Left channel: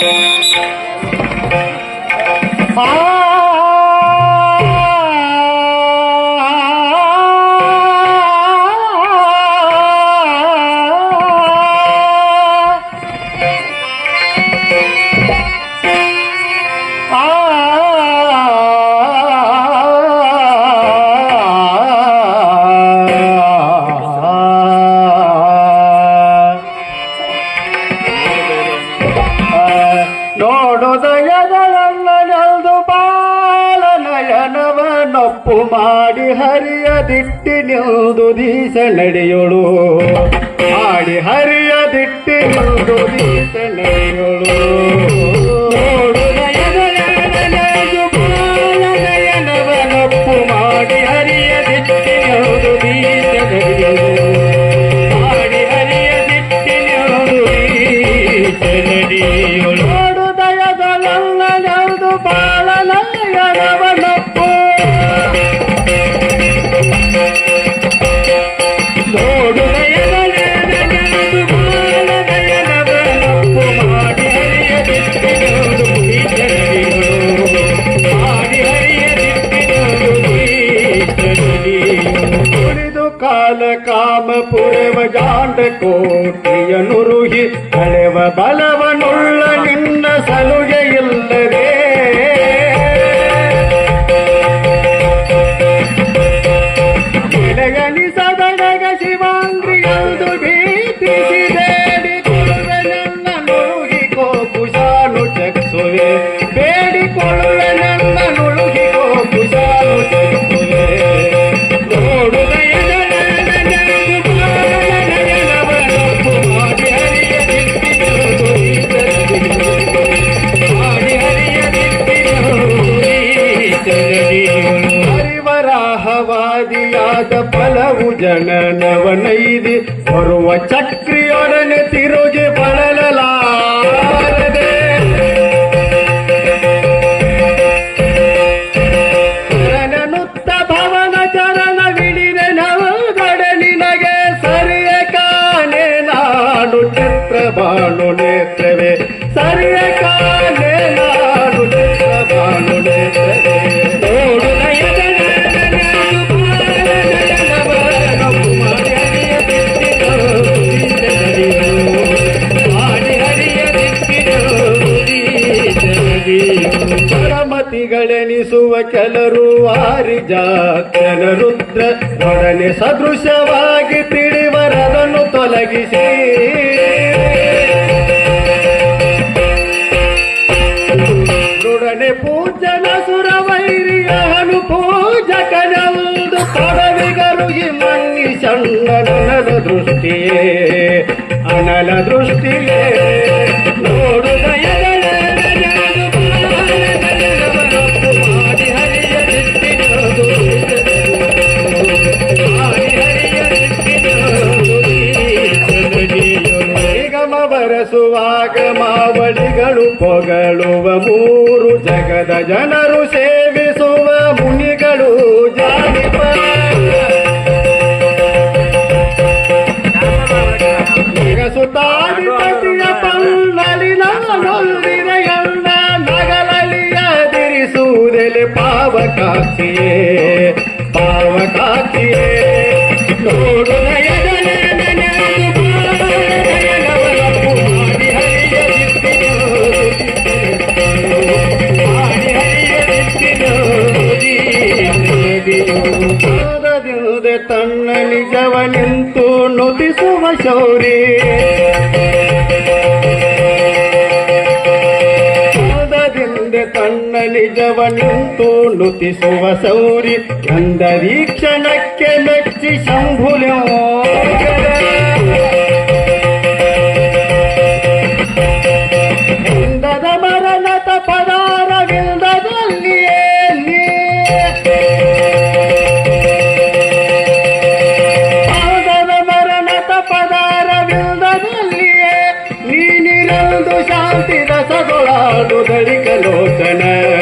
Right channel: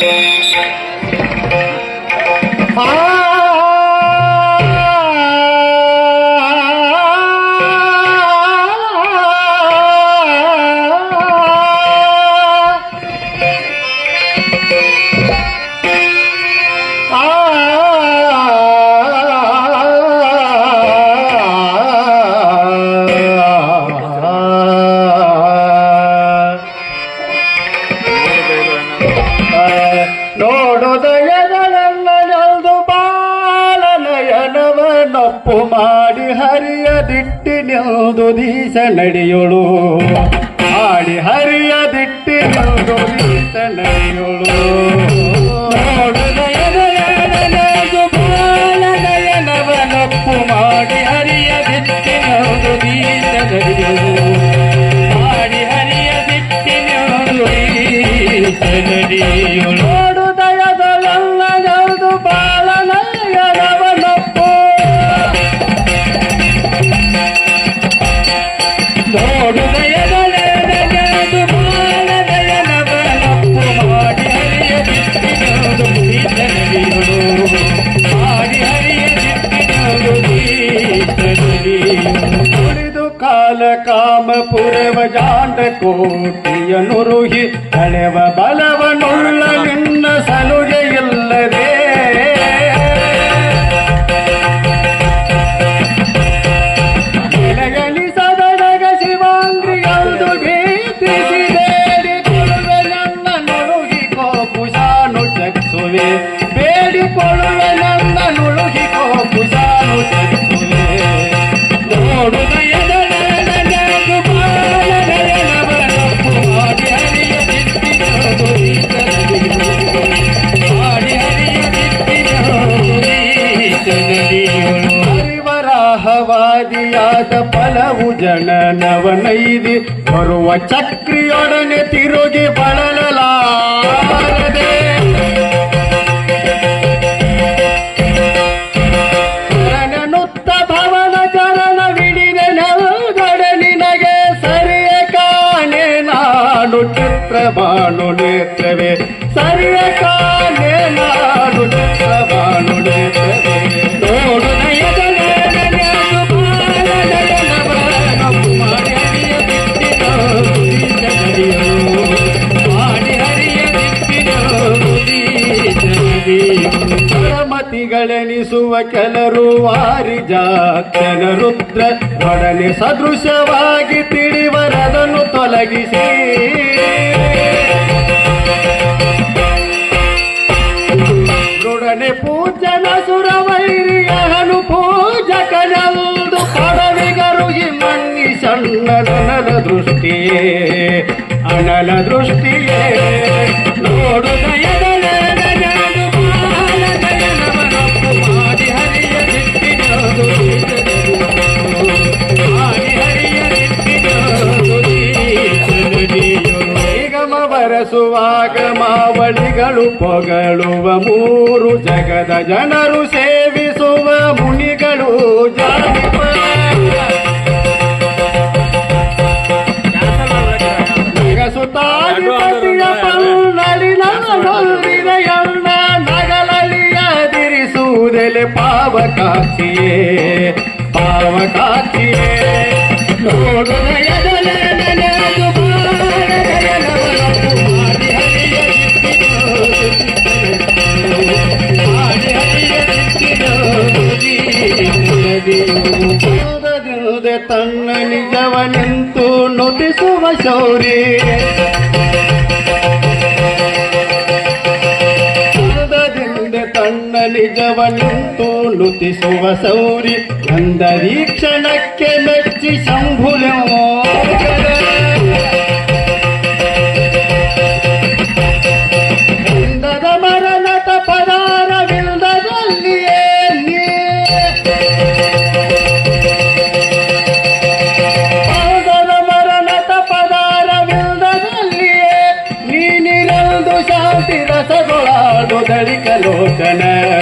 Thank you. ನೇತನೇಳು पूर्व जांड कोटि अनुरुहि हलेव बलव ಚಕ್ರಿಯೊಡನೆ ತಿರುಗಿ ಬಳಲ ಒದಗಿಸಿ ದೃಢನೆ ಪೂಜನ ಸುರವೈರಿಯ ಅನು ಪೂಜಕನಂದು ಕೊಡವಿಗರು ಮಣ್ಣಿ ಸಣ್ಣ ದೃಷ್ಟಿ ಅನಲ ದೃಷ್ಟಿ. ನೋಡೋರೆ ಆದರಿಂದ ತನ್ನ ನಿಜವನ್ನು ತೋಲುತಿಸುವ ಸೌರಿ ನಂದರೀಕ್ಷಣಕ್ಕೆ ಮೆಚ್ಚಿ ಶಂಭುಲೆವು धरि कलोचन।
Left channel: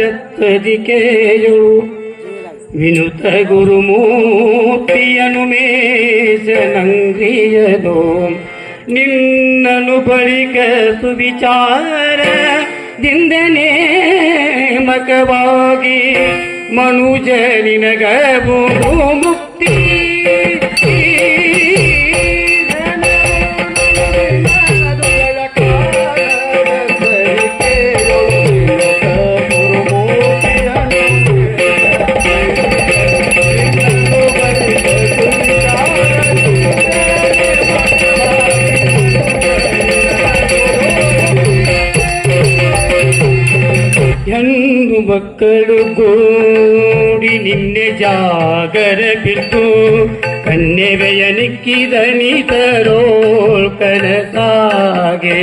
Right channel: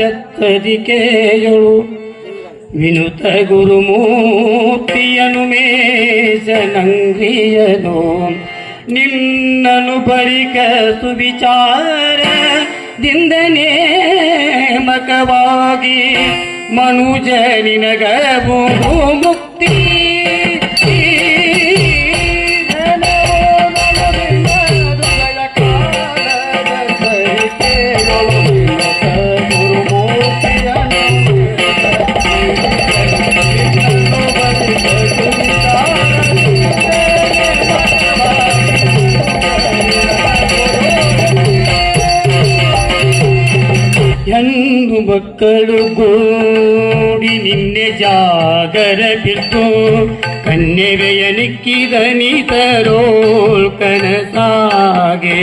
ಭಕ್ತದಿ ಕೇಯಳು ವಿನುತ ಗುರುಮೂರ್ತಿಯನು ಮೇಷನಂಗ್ರಿಯದು ನಿನ್ನನು ಬಳಿಕ ಸುವಿಚಾರ ದಿಂದನೇ ಮಕವಾಗಿ ಮನುಜ ನಿನಗವು ಎಂದು ಮಕ್ಕಳು ಗೂಡಿ ನಿನ್ನೆ ಜಾಗರ ಬಿಟ್ಟು ಕನ್ನೆವೆಯ ನಿಕ್ಕಿದ ನಿತರೋಳ್ ಕನಸಾಗೆ.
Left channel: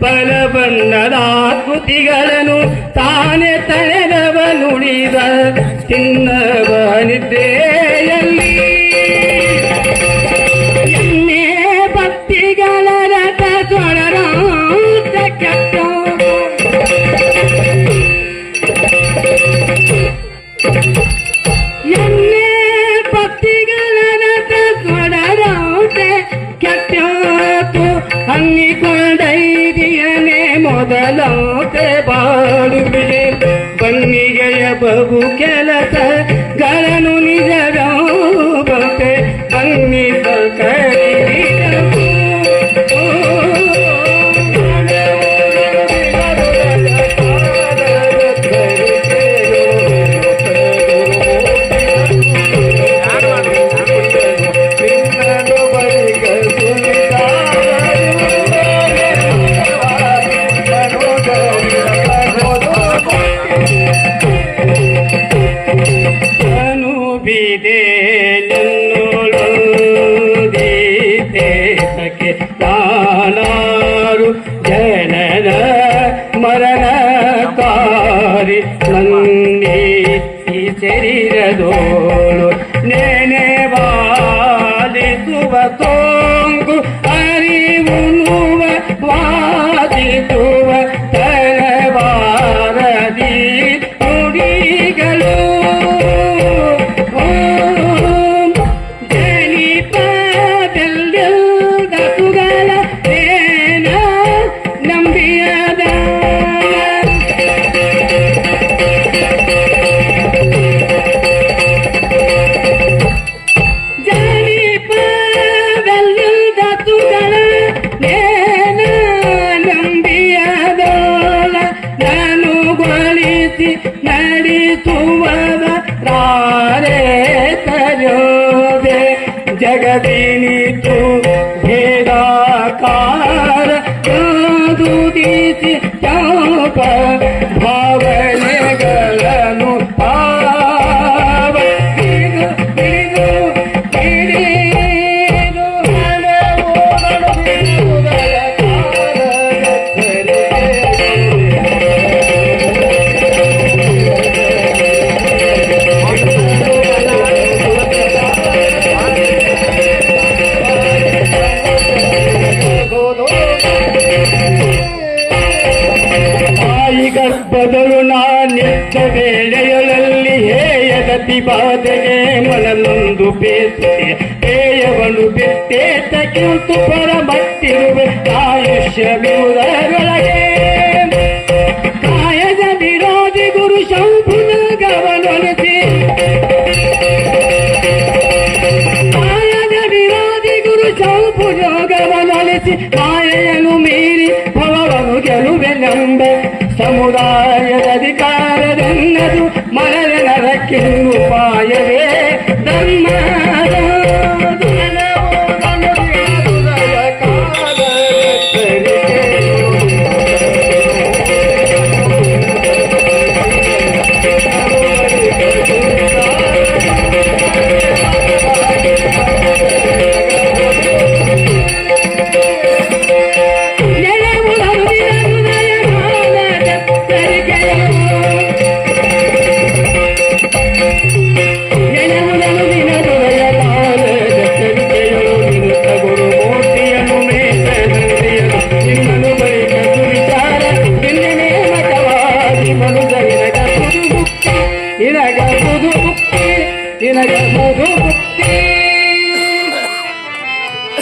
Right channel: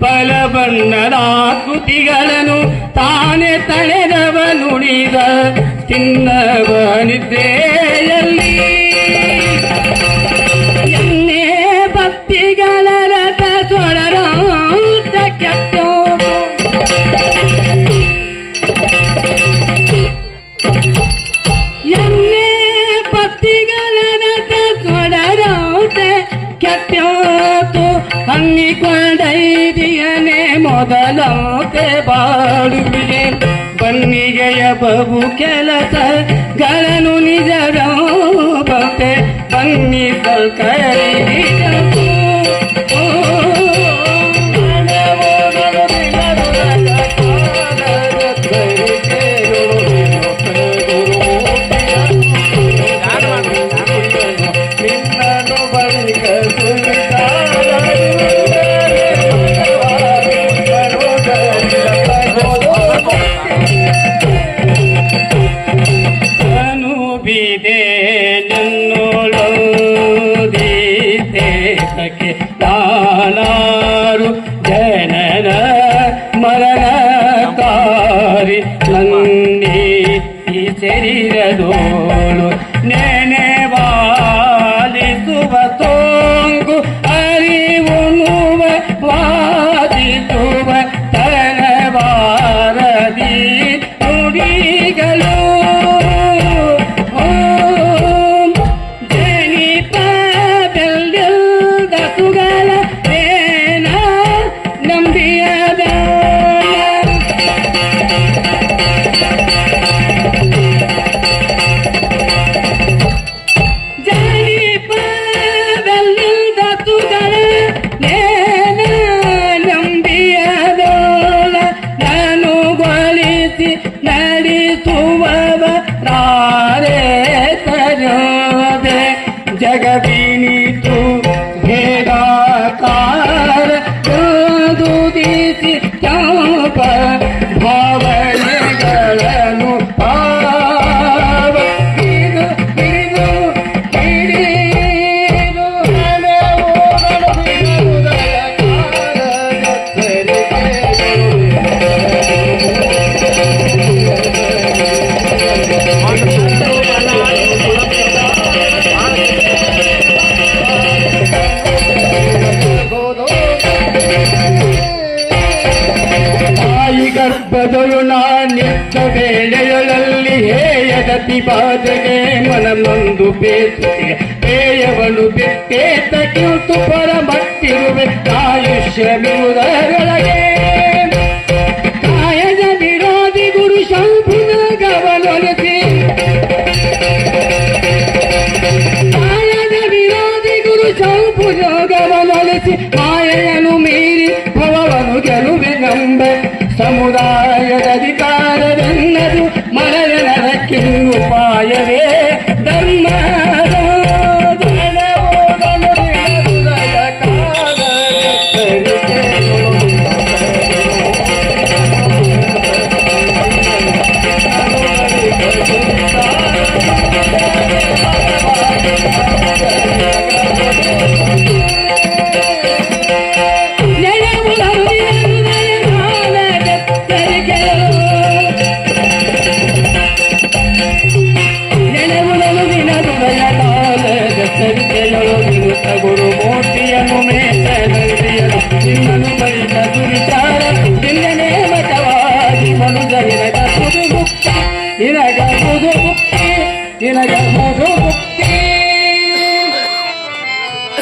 ಫಲ ಬಣ್ಣದ ಕೃತಿಗಳನ್ನು ತಾನೇ ತಳೆದವ ನುಡಿದ do ತಾಯಿ ಗರ್ಭದಳು ನಾನಿದ್ದ ವೇಳೆಯೊಳಲ್ಲಿ ಹೇಯ ಗತಿ ಬಾಧೆಗೆ ಮನನೊಂದು ಬೇಸುತ್ತೆ ಹೇಯವನು ಬಿಟ್ಟೆ ತಕ್ಕಿಂತು ಪರಮತ್ತಿರುವೆ ಆಯುಷ್ಯವಿರುವುದರೊಳಗೆ ಕಾಯದ ವಿರೋಧಿ ಗುರು ಶಂಭುನ ಗವನೊಲಿಸಿ ಕಾಯದ ವಿರೋಧಿ ಗುರು ಶಂಭುಜೋಗವನೊಲಿಸಿ ಮಾಯೆಯನ್ನು